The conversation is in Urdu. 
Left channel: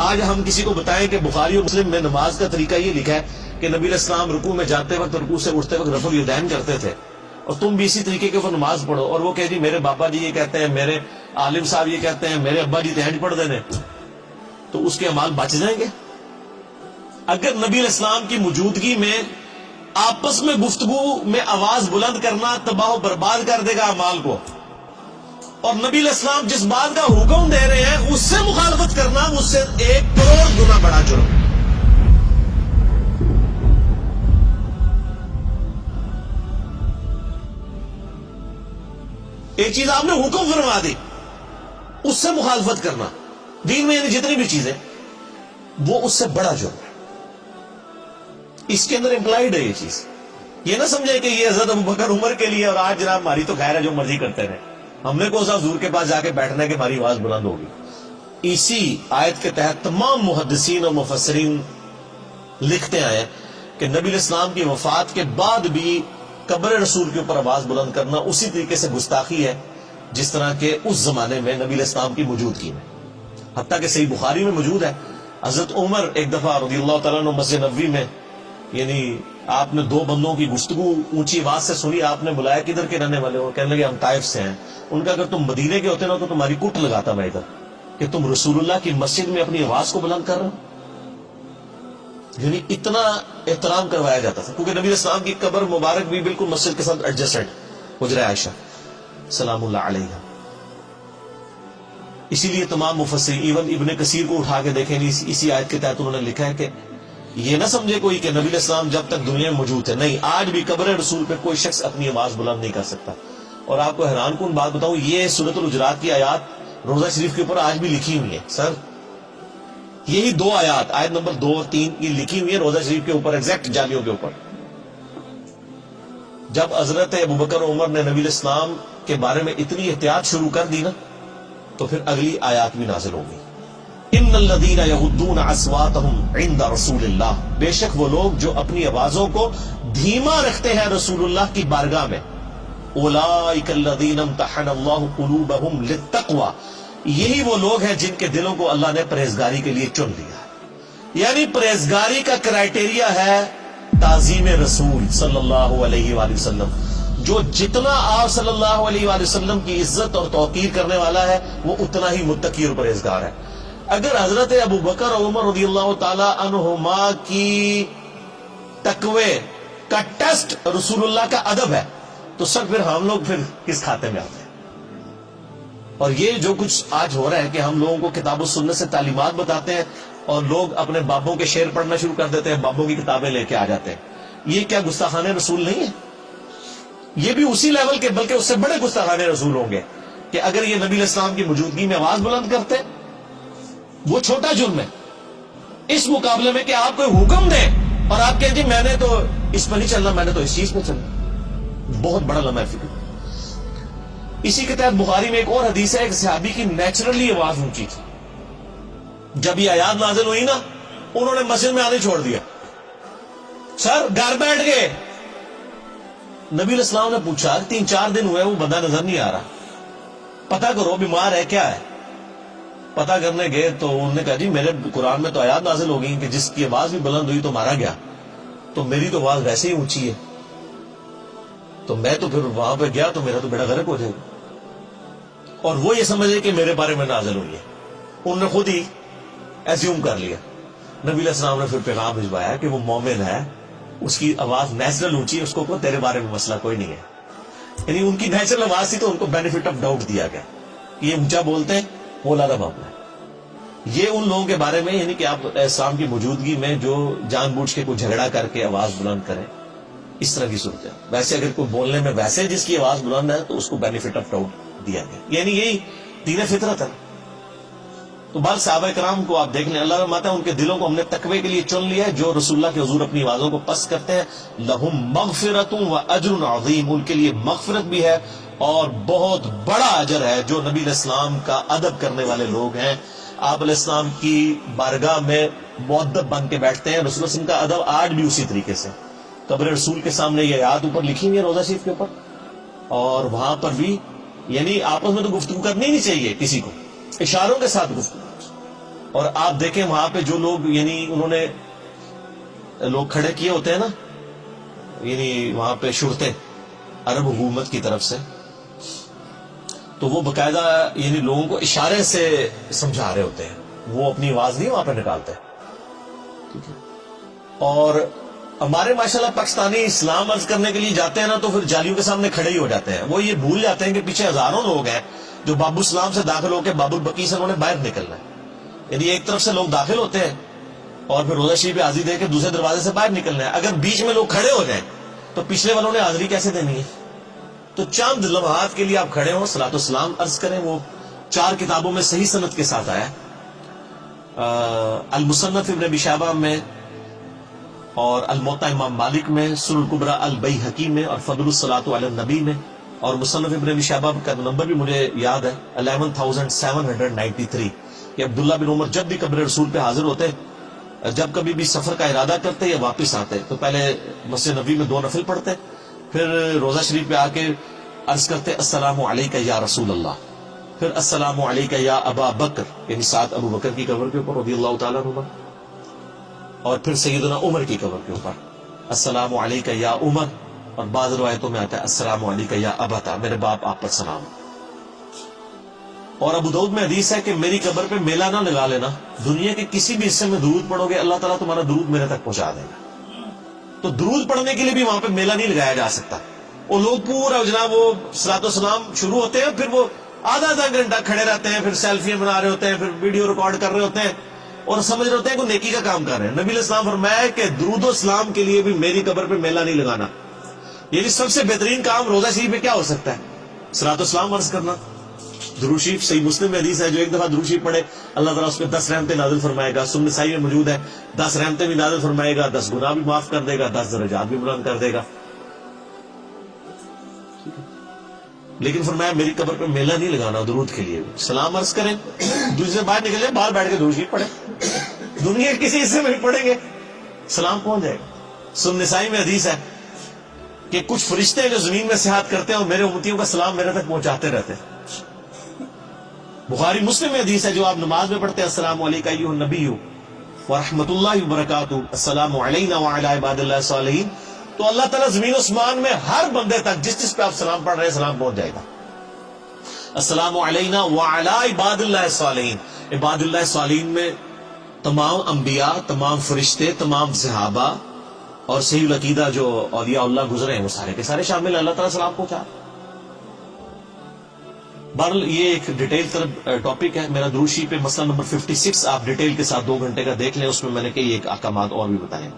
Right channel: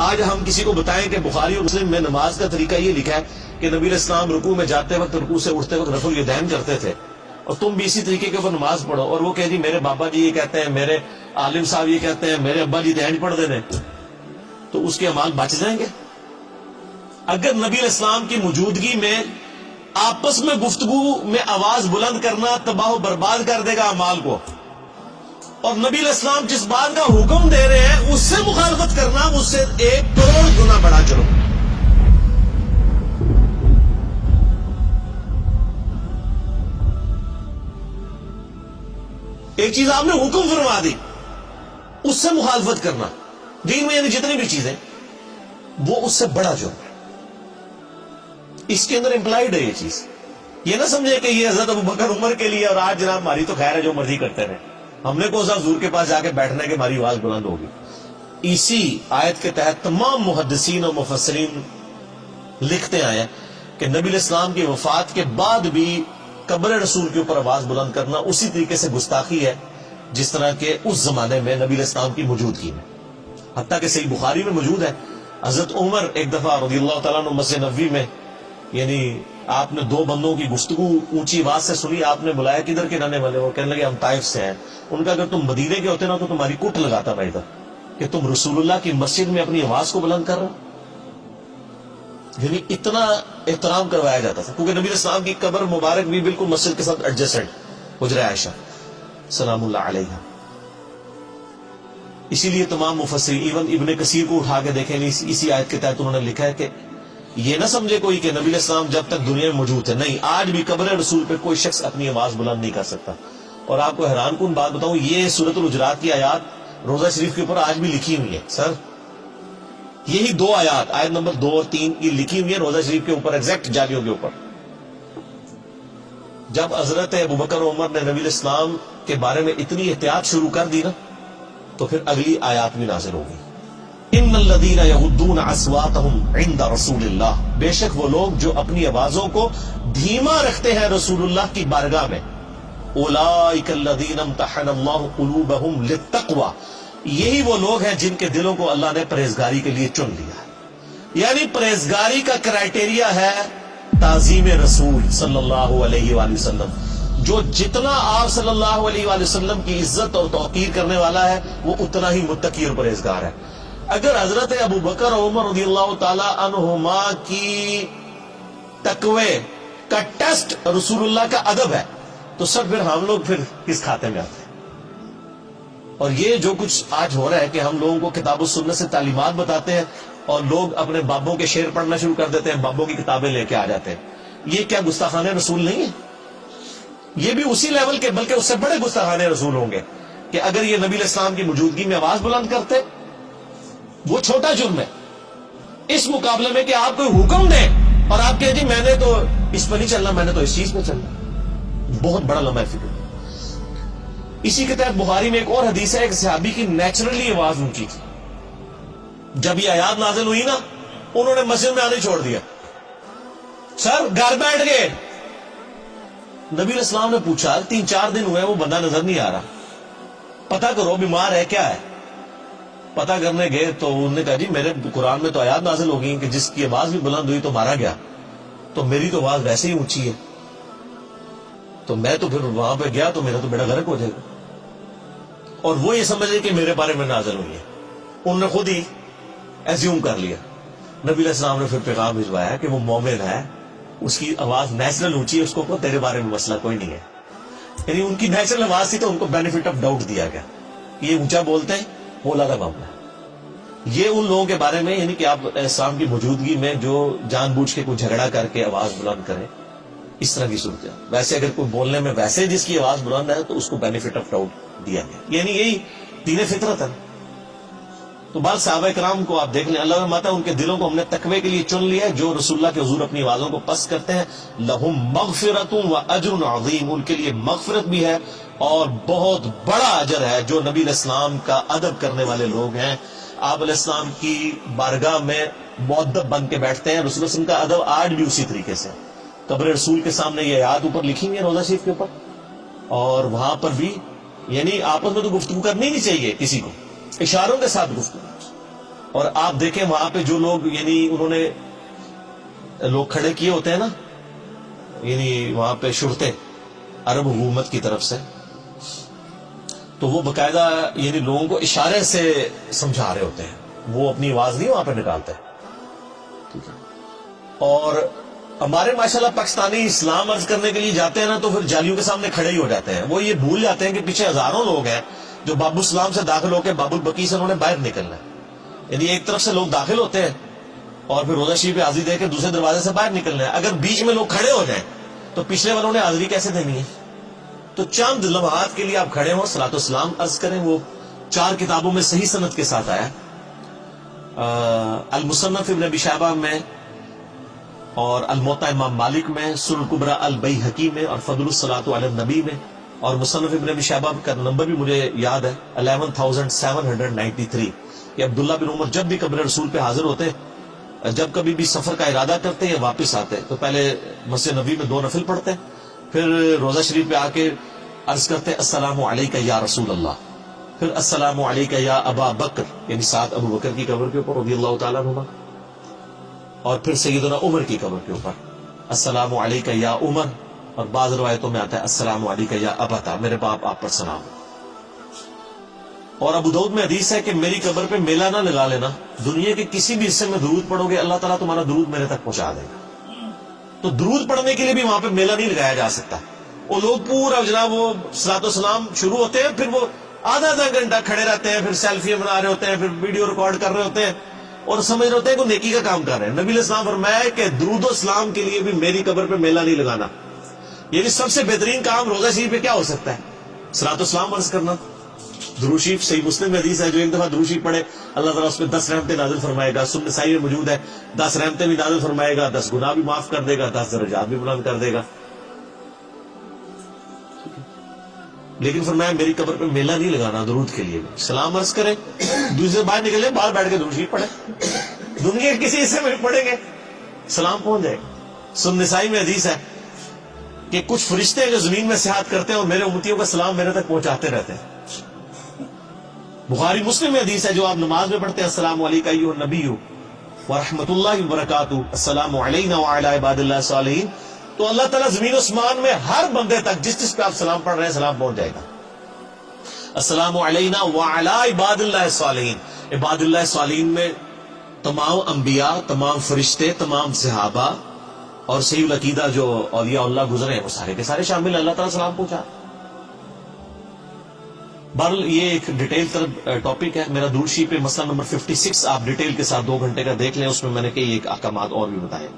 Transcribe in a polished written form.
آج ہم کسی کو بتائیں کہ بخاری اور مسلم میں نماز کا طریقہ یہ لکھا ہے کہ نبی علیہ السلام رکوع میں جاتے وقت رکوع سے اٹھتے وقت رفع الیدین کرتے تھے، اور تم بھی اسی طریقے کے اوپر نماز پڑھو، اور وہ کہ جی میرے بابا جی یہ کہتے ہیں، میرے عالم صاحب یہ کہتے ہیں، میرے ابا جی تینج پڑھ دینے، تو اس کے اعمال بچ جائیں گے؟ اگر نبی علیہ السلام کی موجودگی میں آپس میں گفتگو میں آواز بلند کرنا تباہ و برباد کر دے گا اعمال کو، اور نبی علیہ السلام جس بات کا حکم دے رہے ہیں اس سے مخالفت کرنا اس سے 1 کروڑ گنا بڑا جرم۔ ایک چیز آپ نے حکم فرما دی، اس سے مخالفت کرنا دین میں یعنی جتنی بھی چیزیں وہ اس سے بڑا جرم ہے۔ اس کے اندر امپلائیڈ ہے یہ چیز، یہ نہ سمجھے کہ یہ حضرت ابوبکر عمر کے لیے اور آج جناب ہماری تو خیر ہے جو مرضی کرتے رہے، ہم نے کون سا حضور کے پاس جا کے بیٹھنا ہے کہ ہماری آواز بلند ہوگی۔ اسی آیت کے تحت تمام محدثین اور مفسرین لکھتے آئے کہ نبی علیہ السلام کی وفات کے بعد بھی قبر رسول کے اوپر آواز بلند کرنا اسی طریقے سے گستاخی ہے جس طرح کہ اس زمانے میں نبی علیہ السلام کی موجودگی میں، حتیٰ کہ صحیح بخاری میں موجود ہے حضرت عمر ایک دفعہ رضی اللہ تعالیٰ عنہ مسجد نبوی میں، یعنی آپ نے 2 بندوں کی گفتگو اونچی آواز سے سنی، آپ نے بلایا کدھر کے رہنے والے، وہ کہنے لگے ہم طائف سے ہیں۔ ان کا اگر تم مدینے کے ہوتے نا تو تمہاری کٹ لگاتا میں ادھر کہ تم رسول اللہ کی مسجد میں اپنی آواز کو بلند کر رہے ہو۔ یعنی اتنا احترام کروایا جاتا تھا، کیونکہ نبی علیہ السلام کی قبر مبارک بھی بالکل مسجد کے ساتھ ایڈجسٹڈ حجرہ عائشہ سلام اللہ علیہا۔ اسی لیے تمام مفسرین ایون ابن کثیر کو اٹھا کے دیکھیں، اسی آیت کے تحت انہوں نے لکھا ہے کہ یہ نہ سمجھے کوئی کہ نبی علیہ السلام جب تک دنیا میں موجود ہے، نہیں، آج بھی قبر رسول پہ کوئی شخص اپنی آواز بلند نہیں کر سکتا۔ اور آپ کو حیران کن بات بتاؤں، یہ سورۃ الحجرات کی آیات روضہ شریف کے اوپر آج بھی لکھی ہوئی ہے سر، یہی 2 آیات، آیت نمبر 2 اور 3 یہ لکھی ہوئی ہے روضہ شریف کے اوپر، ایگزیکٹ جالیوں کے اوپر۔ جب حضرت ابوبکر عمر نے نبی علیہ السلام کے بارے میں اتنی احتیاط شروع کر دی نا تو پھر اگلی آیات بھی نازل ہو گئی، ان الذین یغضون اصواتهم عند رسول اللہ، بے شک وہ لوگ جو اپنی آوازوں کو دھیما رکھتے ہیں رسول اللہ کی بارگاہ میں، اولئک الذین امتحن اللہ قلوبهم للتقوی، یہی وہ لوگ ہیں جن کے دلوں کو اللہ نے پرہیزگاری کے لیے چن لیا ہے۔ یعنی پرہیزگاری کا کرائیٹیریا ہے تعظیم رسول صلی اللہ علیہ وآلہ وسلم، جو جتنا آپ صلی اللہ علیہ وآلہ وسلم کی عزت اور توقیر کرنے والا ہے وہ اتنا ہی متقی اور پرہیزگار ہے۔ اگر حضرت ابوبکر اور عمر رضی اللہ تعالی عنہما کی تقوی کا ٹیسٹ رسول اللہ کا ادب ہے تو سر پھر ہم لوگ پھر کس کھاتے میں آتے ہیں؟ اور یہ جو کچھ آج ہو رہا ہے کہ ہم لوگوں کو کتاب و سنت سے تعلیمات بتاتے ہیں اور لوگ اپنے بابوں کے شعر پڑھنا شروع کر دیتے ہیں، بابوں کی کتابیں لے کے آ جاتے ہیں، یہ کیا گستاخانہ رسول نہیں ہے؟ یہ بھی اسی لیول کے بلکہ اس سے بڑے گستاخانہ رسول ہوں گے کہ اگر یہ نبی علیہ السلام کی موجودگی میں آواز بلند کرتے، وہ چھوٹا جرم ہے اس مقابلے میں کہ آپ کوئی حکم دیں اور آپ کہیں جی میں نے تو اس پہ نہیں چلنا، میں نے تو اس چیز پہ چلنا، بہت بڑا لمحہ فکر۔ اسی کے تحت بخاری میں ایک اور حدیث ہے، ایک صحابی کی نیچرلی آواز اونچی تھی، جب یہ آیات نازل ہوئی نا انہوں نے مسجد میں آنے چھوڑ دیا، سر گھر بیٹھ گئے۔ نبی علیہ السلام نے پوچھا 3-4 دن ہوئے وہ بندہ نظر نہیں آ رہا، پتہ کرو بیمار ہے کیا ہے؟ پتہ کرنے گئے تو انہوں نے کہا جی میرے قرآن میں تو آیات نازل ہو گئی کہ جس کی آواز بھی بلند ہوئی تو مارا گیا، تو میری تو آواز ویسے ہی اونچی ہے، تو میں تو پھر وہاں پہ گیا تو میرا تو بیڑا غرق ہو جائے گا۔ اور وہ یہ سمجھ رہے کہ میرے بارے میں نازل ہوئی ہے، انہوں نے خود ہی ایزیوم کر لیا۔ نبی علیہ السلام نے پھر پیغام بھجوایا کہ وہ مومن ہے، اس کی آواز نیچرل اونچی ہے، اس کو تیرے بارے میں مسئلہ کوئی نہیں ہے۔ یعنی ان کی نیچرل آواز تھی تو ان کو بینیفٹ آف ڈاؤٹ دیا گیا، یہ اونچا بولتے ہیں وہ علیحدہ معاملہ ہے۔ یہ ان لوگوں کے بارے میں یعنی کہ آپ اسلام کی موجودگی میں جو جان بوجھ کے کوئی جھگڑا کر کے آواز بلند کریں، اس طرح کی صورت ہے۔ ویسے اگر کوئی بولنے میں ویسے جس کی آواز بلند ہے تو اس کو بینیفٹ آف ڈاؤٹ دیا گیا، یعنی یہی دین فطرت ہے نا۔ تو بال صحابہ کرام کو آپ دیکھ لیں، اللہ فرماتا ہے ان کے دلوں کو ہم نے تقوی کے لیے چن لیا ہے، جو رسول اللہ کے حضور اپنی آوازوں کو پست کرتے ہیں، لہم مغفرۃ و اجر عظیم، ان کے لیے مغفرت بھی ہے اور بہت بڑا اجر ہے۔ جو نبی علیہ السلام کا ادب کرنے والے لوگ ہیں، آپ علیہ السلام کی بارگاہ میں مؤدب بن کے بیٹھتے ہیں، رسول اللہ علیہ وسلم کا ادب آج بھی اسی طریقے سے۔ قبر رسول کے سامنے یہ آیات اوپر لکھی ہوئی ہے روضہ شریف کے اوپر، اور وہاں پر بھی یعنی آپس میں تو گفتگو کرنی نہیں چاہیے کسی کو، اشاروں کے ساتھ گفتگو، اور آپ دیکھیں وہاں پہ جو لوگ یعنی انہوں نے لوگ کھڑے کیے ہوتے ہیں نا، یعنی وہاں پہ شرطیں عرب حکومت کی طرف سے، تو وہ باقاعدہ یعنی لوگوں کو اشارے سے سمجھا رہے ہوتے ہیں، وہ اپنی آواز نہیں وہاں پہ نکالتے. ٹھیک ہے. اور ہمارے ماشاءاللہ پاکستانی اسلام عرض کرنے کے لیے جاتے ہیں نا، تو پھر جالیوں کے سامنے کھڑے ہی ہو جاتے ہیں. وہ یہ بھول جاتے ہیں کہ پیچھے ہزاروں لوگ ہیں جو باب السلام سے داخل ہو کے باب البقیع سے انہوں نے باہر نکلنا ہے. یعنی ایک طرف سے لوگ داخل ہوتے ہیں اور پھر روزہ شریف پہ حاضری دے کے دوسرے دروازے سے باہر نکلنا ہے. اگر بیچ میں لوگ کھڑے ہو جائیں تو پچھلے والوں نے حاضری کیسے دینی ہے؟ تو چند لمحات کے لیے آپ کھڑے ہوں، صلاۃ والسلام عرض کریں. وہ 4 کتابوں میں صحیح سند کے ساتھ آیا ہے، المصنف ابن ابی شیبہ میں، اور الموطا امام مالک میں، سنن الکبریٰ البیہقی میں، اور فضل الصلاۃ علی النبی میں. اور مصنف ابن ابی شیبہ کا نمبر بھی مجھے یاد ہے 11793، کہ عبداللہ بن عمر جب بھی قبر رسول پہ حاضر ہوتے، جب کبھی بھی سفر کا ارادہ کرتے یا واپس آتے، تو پہلے مسجد نبوی میں 2 نفل پڑھتے، پھر روزہ شریف پہ آ کے عرض کرتے السلام علیکہ یا رسول اللہ، پھر السلام علیکہ یا ابا بکر، یعنی ساتھ ابو بکر کی قبر کے اوپر رضی اللہ تعالیٰ عنہما، اور پھر سیدنا عمر کی قبر کے اوپر السلام علیکہ یا عمر، اور بعض روایتوں میں آتا ہے السلام علیکہ یا ابتا، میرے باپ آپ پر سلام. اور ابو داؤد میں حدیث ہے کہ میری قبر پہ میلہ نہ لگا لینا، دنیا کے کسی بھی حصے میں درود پڑھو گے اللہ تعالیٰ تمہارا درود میرے تک پہنچا دے گا. تو درود پڑھنے کے لیے بھی وہاں پہ میلہ نہیں لگایا جا سکتا. وہ لوگ پورا جناب وہ صلاۃ والسلام شروع ہوتے ہیں، پھر وہ آدھا گھنٹہ کھڑے رہتے ہیں، پھر سیلفیاں بنا رہے ہوتے ہیں، پھر ویڈیو ریکارڈ کر رہے ہوتے ہیں اور سمجھ رہے ہوتے ہیں کہ نیکی کا کام کر رہے ہیں. نبی علیہ السلام فرمایا کہ درود و سلام کے لیے بھی میری قبر پہ میلہ نہیں لگانا. یعنی سب سے بہترین کام روزہ شریف میں کیا ہو سکتا ہے؟ صلاۃ والسلام عرض کرنا. درود شریف صحیح مسلم میں حدیث ہے، جو ایک دفعہ درود شریف پڑھے اللہ تعالیٰ اس پہ 10 رحمتیں نازل فرمائے گا. سنن نسائی میں موجود ہے 10 رحمتیں بھی نازل فرمائے گا، 10 گناہ بھی معاف کر دے گا، 10 درجات بھی بلند کر دے گا. لیکن فرمایا میری قبر پہ میلہ نہیں لگانا درود کے لیے بھی. سلام عرض کریں، دوسرے باہر نکل جائیں، باہر بیٹھ کے درود شریف پڑھیں، دنیا کے کسی حصے میں پڑھیں گے سلام پہنچ جائے گا. سنن نسائی میں حدیث ہے کہ کچھ فرشتے ہیں جو زمین میں سیاحت کرتے ہیں اور میرے امتیوں کا سلام میرے تک پہنچاتے رہتے ہیں. بخاری مسلم میں حدیث ہے جو آپ نماز میں پڑھتے ہیں السلام علیکم ایھا النبی ورحمۃ اللہ وبرکاتہ، السلام علینا وعلی عباد اللہ الصالحین، تو اللہ تعالیٰ زمین و اسمان میں ہر بندے تک جس جس پہ آپ سلام پڑھ رہے ہیں سلام پہنچ جائے گا. السلام علینا وعلی عباد اللہ الصالحین، عباد اللہ الصالحین میں تمام انبیاء، تمام فرشتے، تمام صحابہ اور صحیح العقیدہ جو اولیاء اللہ گزرے ہیں وہ سارے کے سارے شامل ہیں. اللہ تعالیٰ سلام پہنچا. بہرحال یہ ایک ڈیٹیل طرف ٹاپک ہے. میرا درود شریف پہ مسئلہ نمبر 56 آپ ڈیٹیل کے ساتھ 2 گھنٹے کا دیکھ لیں، اس میں میں نے کئی ایک احکامات اور بھی بتائے.